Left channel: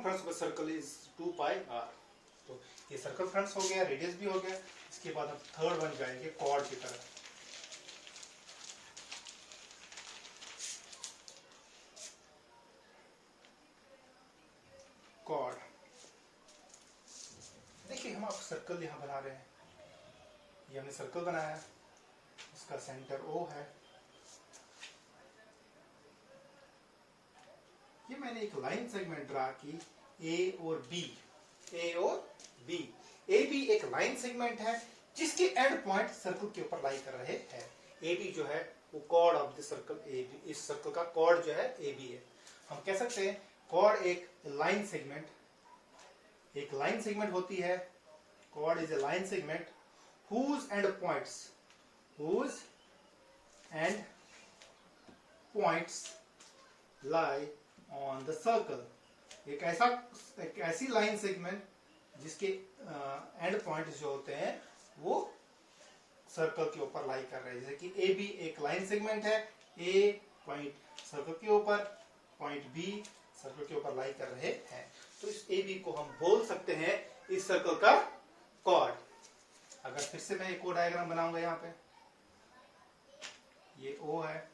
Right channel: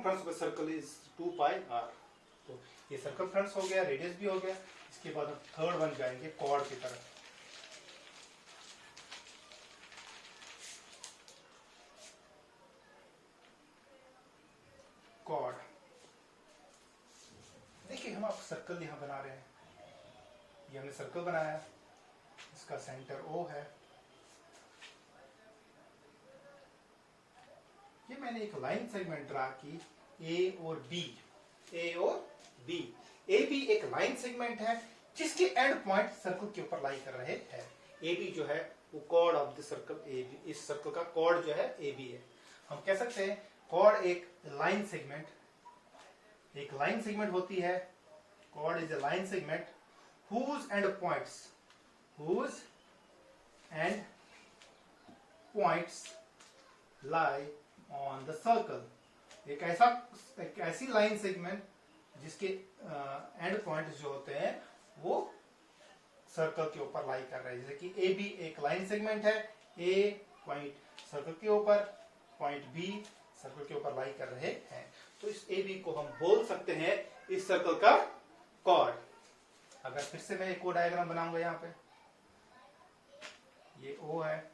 circumference of a circle is 2 pi r। तो ये circumference हो गया, रेडियस भी हो गया। इसके बाद हम थर्ड वन जाएंगे कॉर्ड की तरफ। कॉर्ड, देखिए हम आप सर्कल यहां बना रहे हैं। ये हमने सर्कल बनाया, इसका सेंटर O है। ये मैंने एक लाइन सेगमेंट ड्रा की A और B, A और B। ए बी एक लाइन सेगमेंट है जिसके एंड पॉइंट सर्कल के ऊपर लाई कर रहे हैं। ए बी जो है वो chord of the circle A B, इस सर्कल का कॉर्ड जो है ए बी है। हम कह सकते हैं कॉर्ड एक लाइन सेगमेंट, एक लाइन सेगमेंट होती है। Chord is a line segment whose end points lie on the circle। एक ऐसी लाइन सेगमेंट जिसके एंड पॉइंट जो होते हैं वो सर्कल के ऊपर लाई कर रहे हैं। जैसे कि ए बी एक लाइन सेगमेंट है, ए पॉइंट सर्कल के ऊपर, पॉइंट बी सर्कल के ऊपर लाई कर रहे हैं। तो इस ए बी को हम बोल सकते हैं इस सर्कल का कॉर्ड। अगर फिर से मैं एक और डायग्राम बनाऊंगा, यहाँ पे ये O है,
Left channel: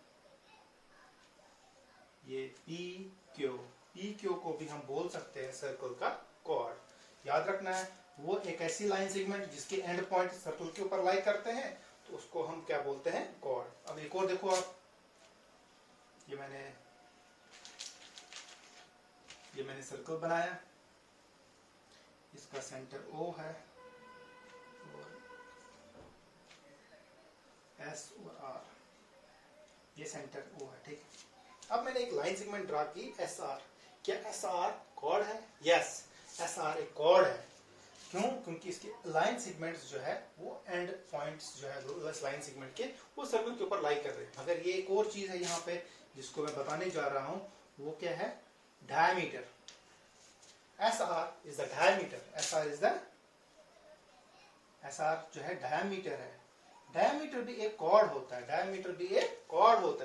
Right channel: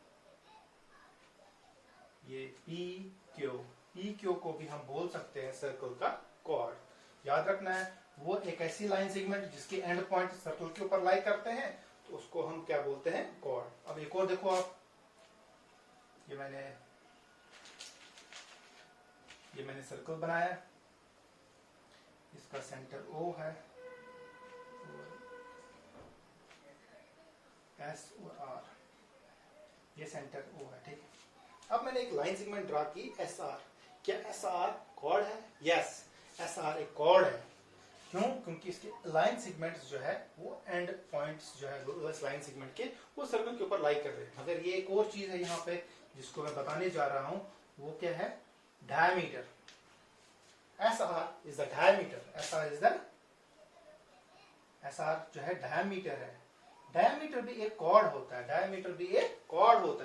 ये पी क्यू को भी हम बोल सकते हैं सर्कल का कॉर्ड। याद रखना है वो एक ऐसी लाइन सेगमेंट जिसके एंड पॉइंट सर्कल के ऊपर लाई करते हैं, तो उसको हम क्या बोलते हैं, कॉर्ड। अब एक और देखो आप, ये मैंने सर्कल बनाया, इसका सेंटर O है और S और R, ये सेंटर O है, ठीक है। अब मैंने एक लाइन सेगमेंट ड्रा की SR। क्या SR कॉर्ड है? यस, SR एक कॉर्ड है। क्यों? क्योंकि इसके लाइन सेगमेंट्स जो है वो एंड पॉइंट्स जो है इस लाइन सेगमेंट के वो सर्कल के ऊपर लाई कर रहे हैं। मगर ये एक और चीज है यहाँ पे जिसको मैं बताने जा रहा हूं, वो क्या है, diameter. SR is the diameter. SR जो है डायमीटर है। डायमीटर भी एक कॉर्ड होता है,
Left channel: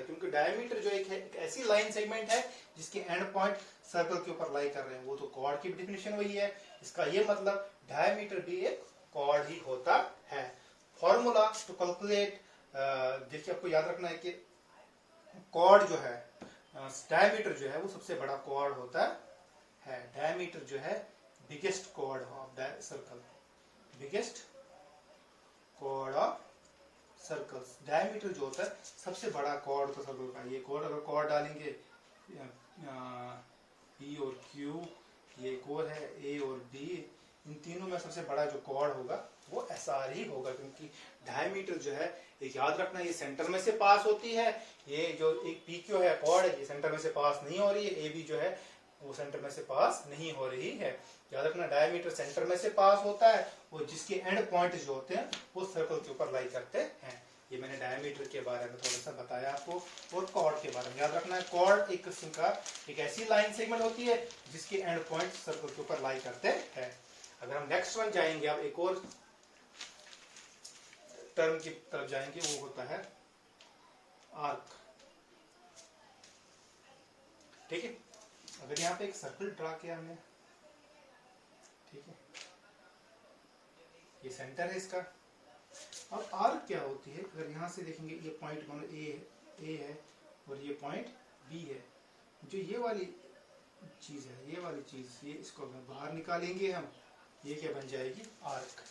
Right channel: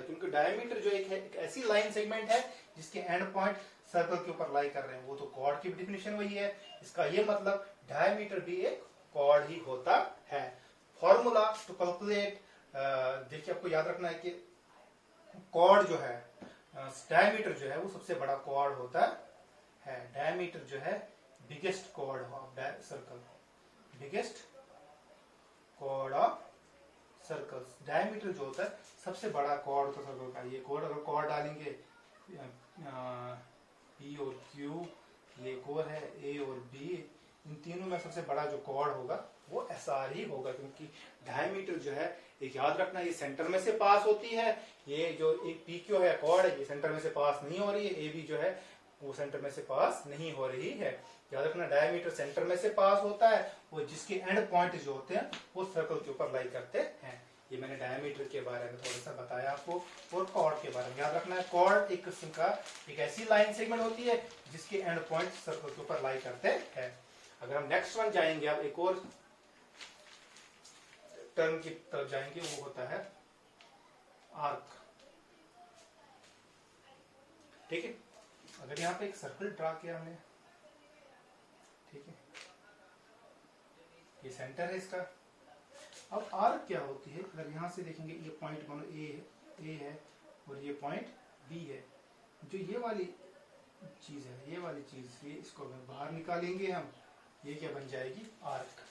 क्योंकि डायमीटर जो एक ऐसी लाइन सेगमेंट है जिसके एंड पॉइंट सर्कल के ऊपर लाई कर रहे हैं, वो तो कॉर्ड की डेफिनेशन वही है। इसका ये मतलब डायमीटर भी एक कॉर्ड ही होता है। फॉर्मूला टू कैलकुलेट, देखिए आपको याद रखना है कि कॉर्ड जो है, डायमीटर जो है वो सबसे बड़ा कॉर्ड होता है। डायमीटर जो है biggest chord of circle, biggest chord of circles. Diameter जो होता है सबसे बड़ा कॉर्ड होता है सर्कल का। ये कॉर्ड, अगर कॉर्ड डालेंगे पी और क्यू, ये एक और है ए और बी, इन तीनों में सबसे बड़ा जो कॉर्ड होगा वो SR ही होगा। क्योंकि डायमीटर जो है, एक याद रखना, ये सेंटर में से पास होती है। ये जो एक पी क्यू है कॉर्ड है, ये सेंटर में से पास नहीं हो रही है। ए बी जो है वो सेंटर में से पास नहीं हो रही है। याद रखना डायमीटर सेंटर में से पास होता है और जिसके एंड पॉइंट जो होते हैं वो सर्कल के ऊपर लाई करते हैं। ये मैंने डायमीटर के बारे में थोड़ा सा बताया आपको। और कॉर्ड के बारे में याद रखना है, कॉर्ड एक किस्म का एक ऐसी लाइन सेगमेंट होती है जिसके एंड पॉइंट सर्कल के ऊपर लाई करते हैं। अगर हम नेक्स्ट वन जाएंगे, अब एक और टर्म की तरफ जाएंगे, वो होता है आर्क। ठीक है, अगर यहाँ पे एक सर्कल ड्रा किया हमने, ठीक है, ये सेंटर है इसका। अब आर्क क्या होती है, अगर यहां से देखेंगे, ये पॉइंट मान लो ए है और ये पॉइंट बी है। जो ये वाली चीज है, ये वाली चीज, ये इसको बाहर निकालेंगे हम, ये क्या बन जाएगी, arc.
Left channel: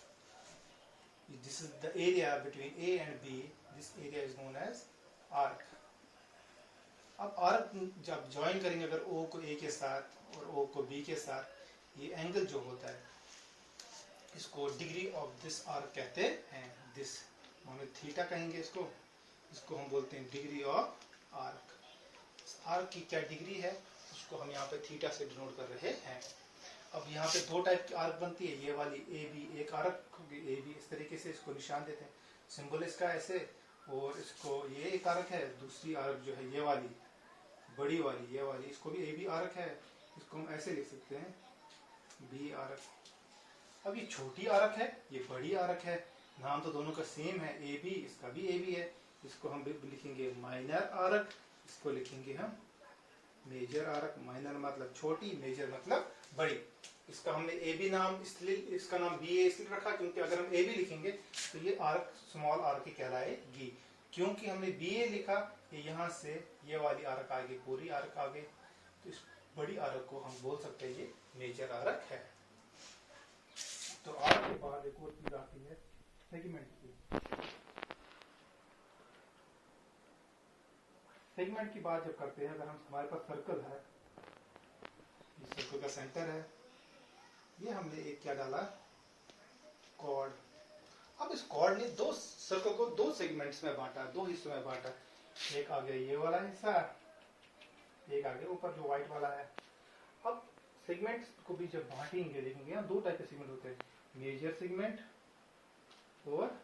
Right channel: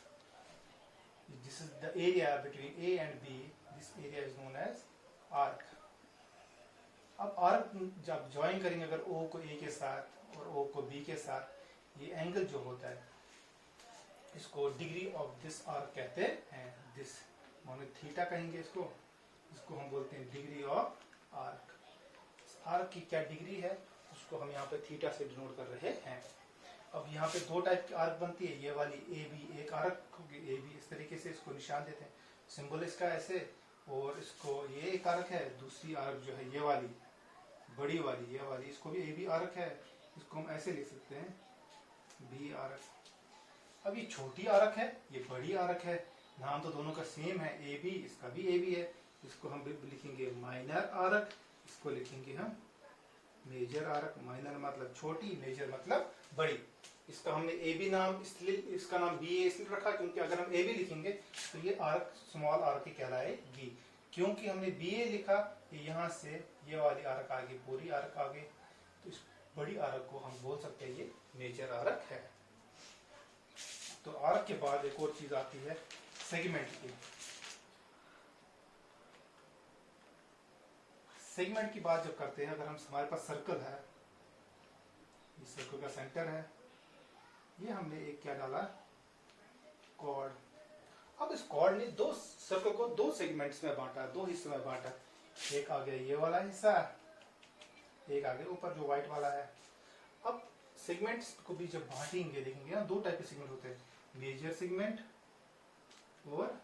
This is the area between A and B, this area is known as arc. अब आर्क जब ज्वाइन करेंगे, अगर ओ को ए के साथ और ओ को बी के साथ, ये एंगल जो होता है इसको डिग्री ऑफ दिस आर्क कहते हैं। दिस हम थीटा कहेंगे इसको हम बोलते हैं डिग्री ऑफ आर्क। आर्क की क्या डिग्री है उसको हम यहाँ पे थीटा से डिनोट कर रहे हैं। अब यहाँ पे दो टाइप की आर्क बनती है, ये वाली ए बी एक आर्क होगी, ए बी इस तरीके से इसको निशान देते हैं, सिंबल इसका ऐसे, और इसको ये एक आर्क है। दूसरी आर्क जो है ये वाली बड़ी वाली, ये वाली, इसको भी ए बी आर्क है, इसको हम ऐसे लिख सकते हैं बी आर्क। अब ये छोटी आर्क है, ये बड़ी आर्क है, नाम तो दोनों का सेम है ए बी, इसका भी ए बी है। इसको हम लिखेंगे माइनर आर्क, इसको लिखेंगे हम मेजर आर्क। माइनर मतलब छोटी, मेजर मतलब बड़ी। इसका हमने ए बी नाम इसलिए, इसका नाम बी ए इसलिए रखा क्योंकि अगर हम ए बी लिखेंगे तो ये आर्क स्मॉल आर्क ही कहलाएगी। क्योंकि हमने बी ए लिखा, यहाँ से ये वाली आर्क आगे, पूरी आर्क आगे, तो इस बड़ी आर्क को हम बोल सकते हैं ये मेजर आर्क है। तो आर्क के बाद एक और चीज आती है सेगमेंट की। सेगमेंट की बात जब करते हैं, अगर हम हमारे पास सर्कल है, ये सर्कल का सेंटर है, ये हमने एक क्या डाला, कॉर्ड। अब इस कॉर्ड ने दो सर्कल को दो सेगमेंट्स में बांटा, दो हिस्सों में बांटा। एक आ गया ये वाला हिस्सा, एक आगे ऊपर जो व्हाइट वाला है। अब सेगमेंट्स को भी जब बांटेंगे देखेंगे ना, दो टाइप के सेगमेंट होते हैं, मेजर सेगमेंट और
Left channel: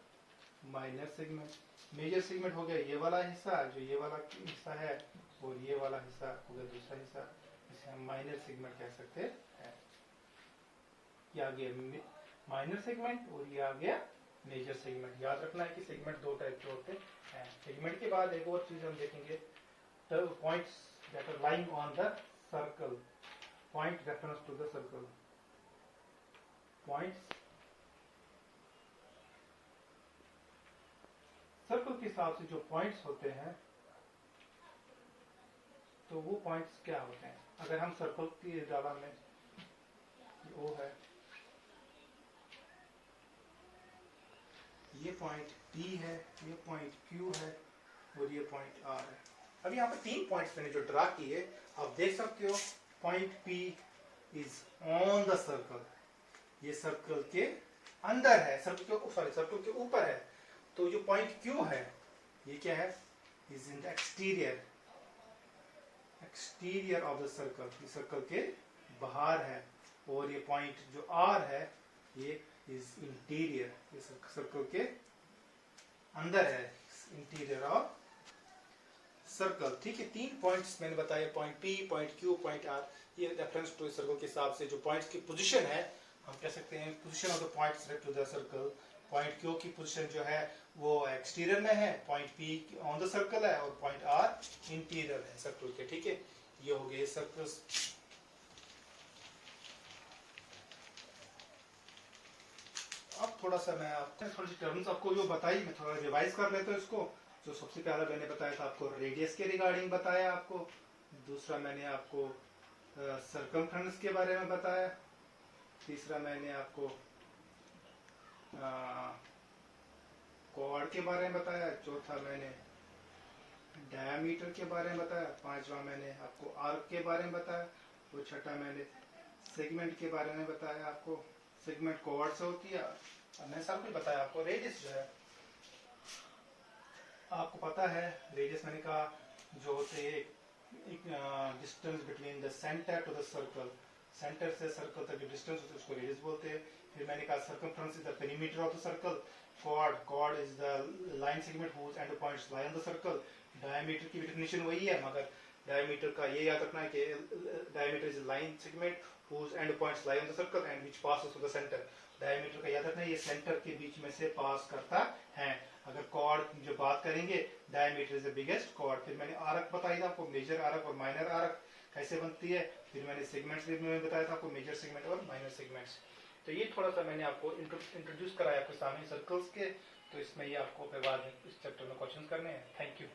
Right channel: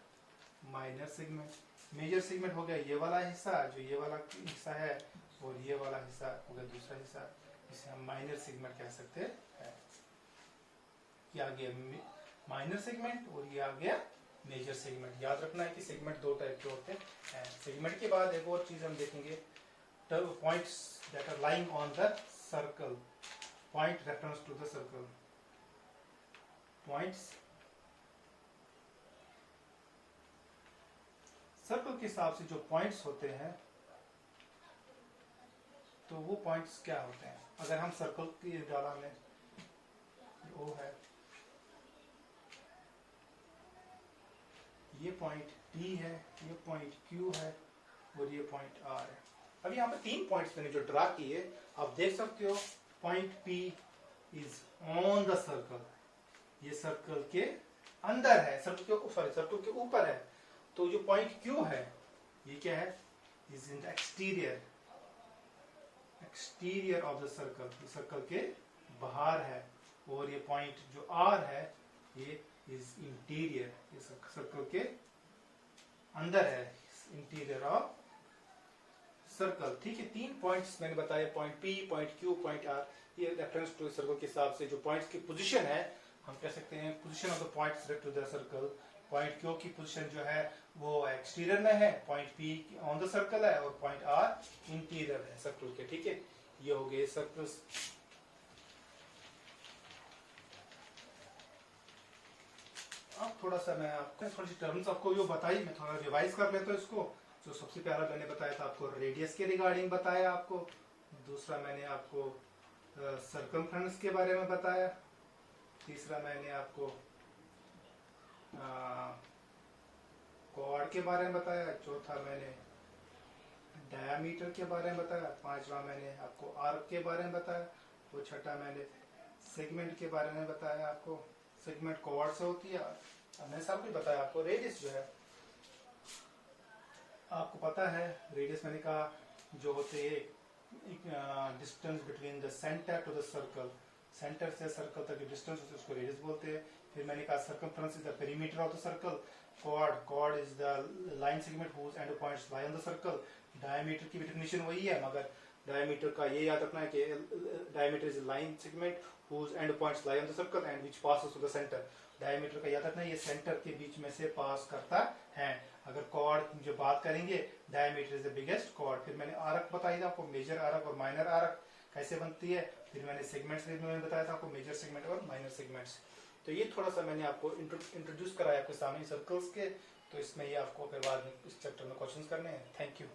माइनर सेगमेंट। मेजर सेगमेंट हो गया ये वाला हिस्सा, जो ये वाला हिस्सा है, और ये वाला हिस्सा हो गया दूसरा हिस्सा, इसे हम माइनर सेगमेंट कह सकते हैं। ये आ गया माइनर सेगमेंट और ये आ गया मेजर सेगमेंट। याद रखना है कि सेगमेंट दो टाइप के होते हैं। सेगमेंट के बाद एक और चीज हम देखेंगे, points that are lying on the circle, point reference to the circle, points circle के हिसाब से जो पॉइंट्स होते हैं, तो वो पॉइंट्स क्या होते हैं। अगर हम सर्कल की डाला में ओ है, ये पॉइंट P है, ये पॉइंट Q है और ये पॉइंट R है। अब यहाँ पे तीन पॉइंट्स मैंने जो ड्रा किए, आप देख सकते हो point P is on the circle, ये सर्कल के अंदर है, सर्कल के ऊपर है। तो जो पॉइंट Q है, ये क्या है, is in the exterior of the circle, ये सर्कल के बाहर है। और ये पॉइंट जो R है, ये इज इंटीरियर, ये सर्कल के अंदर है, इंटीरियर ऑफ सर्कल। ठीक है, तीन पॉइंट्स मैंने बताए, point P, point Q, point R। ये रेफरेंस टू सर्कल के हिसाब से जो पॉइंट्स की पोजीशन है, हम कह सकते हैं position of the points to the circle. Point Q की पोजीशन जो है वो एक्सटीरियर में है, point P on the circle है और पॉइंट R इंटीरियर है सर्कल के। ठीक है, ये हो गए सर्कल्स। अब थोड़ा सा मैं आपको थोड़ी टर्म्स आपको जो बताई, मैं थोड़ा रिवाइज कर लेता हूँ इसको। जो सबसे पहला मैंने बताया था आपको रेडियस के रिगार्डिंग बताया आपको, दूसरा मैंने आपको सर्कमफ्रेंस के बारे में बताया, तीसरा मैंने आपको कॉर्ड के बारे में बताया, चौथा मैंने डायमीटर के बारे में बताया, पांचवा मैंने आपको आर्क के बारे में बताया, और छठा मैंने सेगमेंट के बारे में बताया आपको। सेगमेंट कॉर्ड से होती है, मैंने सब कुछ बताया आपको। रेडियस जो है आपको पता है, रेडियस मैंने कहा जो होते हैं distance between the centre to the circle, centre से सर्कल तक जो डिस्टेंस होता है उसको रेडियस बोलते हैं। फिर मैंने कहा circumference is the perimeter of the circle, chord is the line segment whose end points lie on the circle. Diameter की डेफिनेशन वही है, मगर डायमीटर का ये याद रखना है कि diameter is line segment whose end points lie on the circle and which passes to the center। Diameter का याद रखना है, ये सेंटर के बीच में से पास करता है। अगर कॉर्ड की जो बात करेंगे, diameter is the biggest chord. फिर मैंने आर्क बताई था आपको, मेजर आर्क और माइनर आर्क कैसे बनती है। फिर मैंने सेगमेंट्स में बताया था आपको, मेजर सेगमेंट और माइनर सेगमेंट्स। तो ये थोड़ा सा मैंने आपको इंट्रोड्यूस कराया आपके सामने सर्कल्स के। तो इसमें ये आपको बाद में इस चैप्टर में क्वेश्चंस करने हैं। Thank you.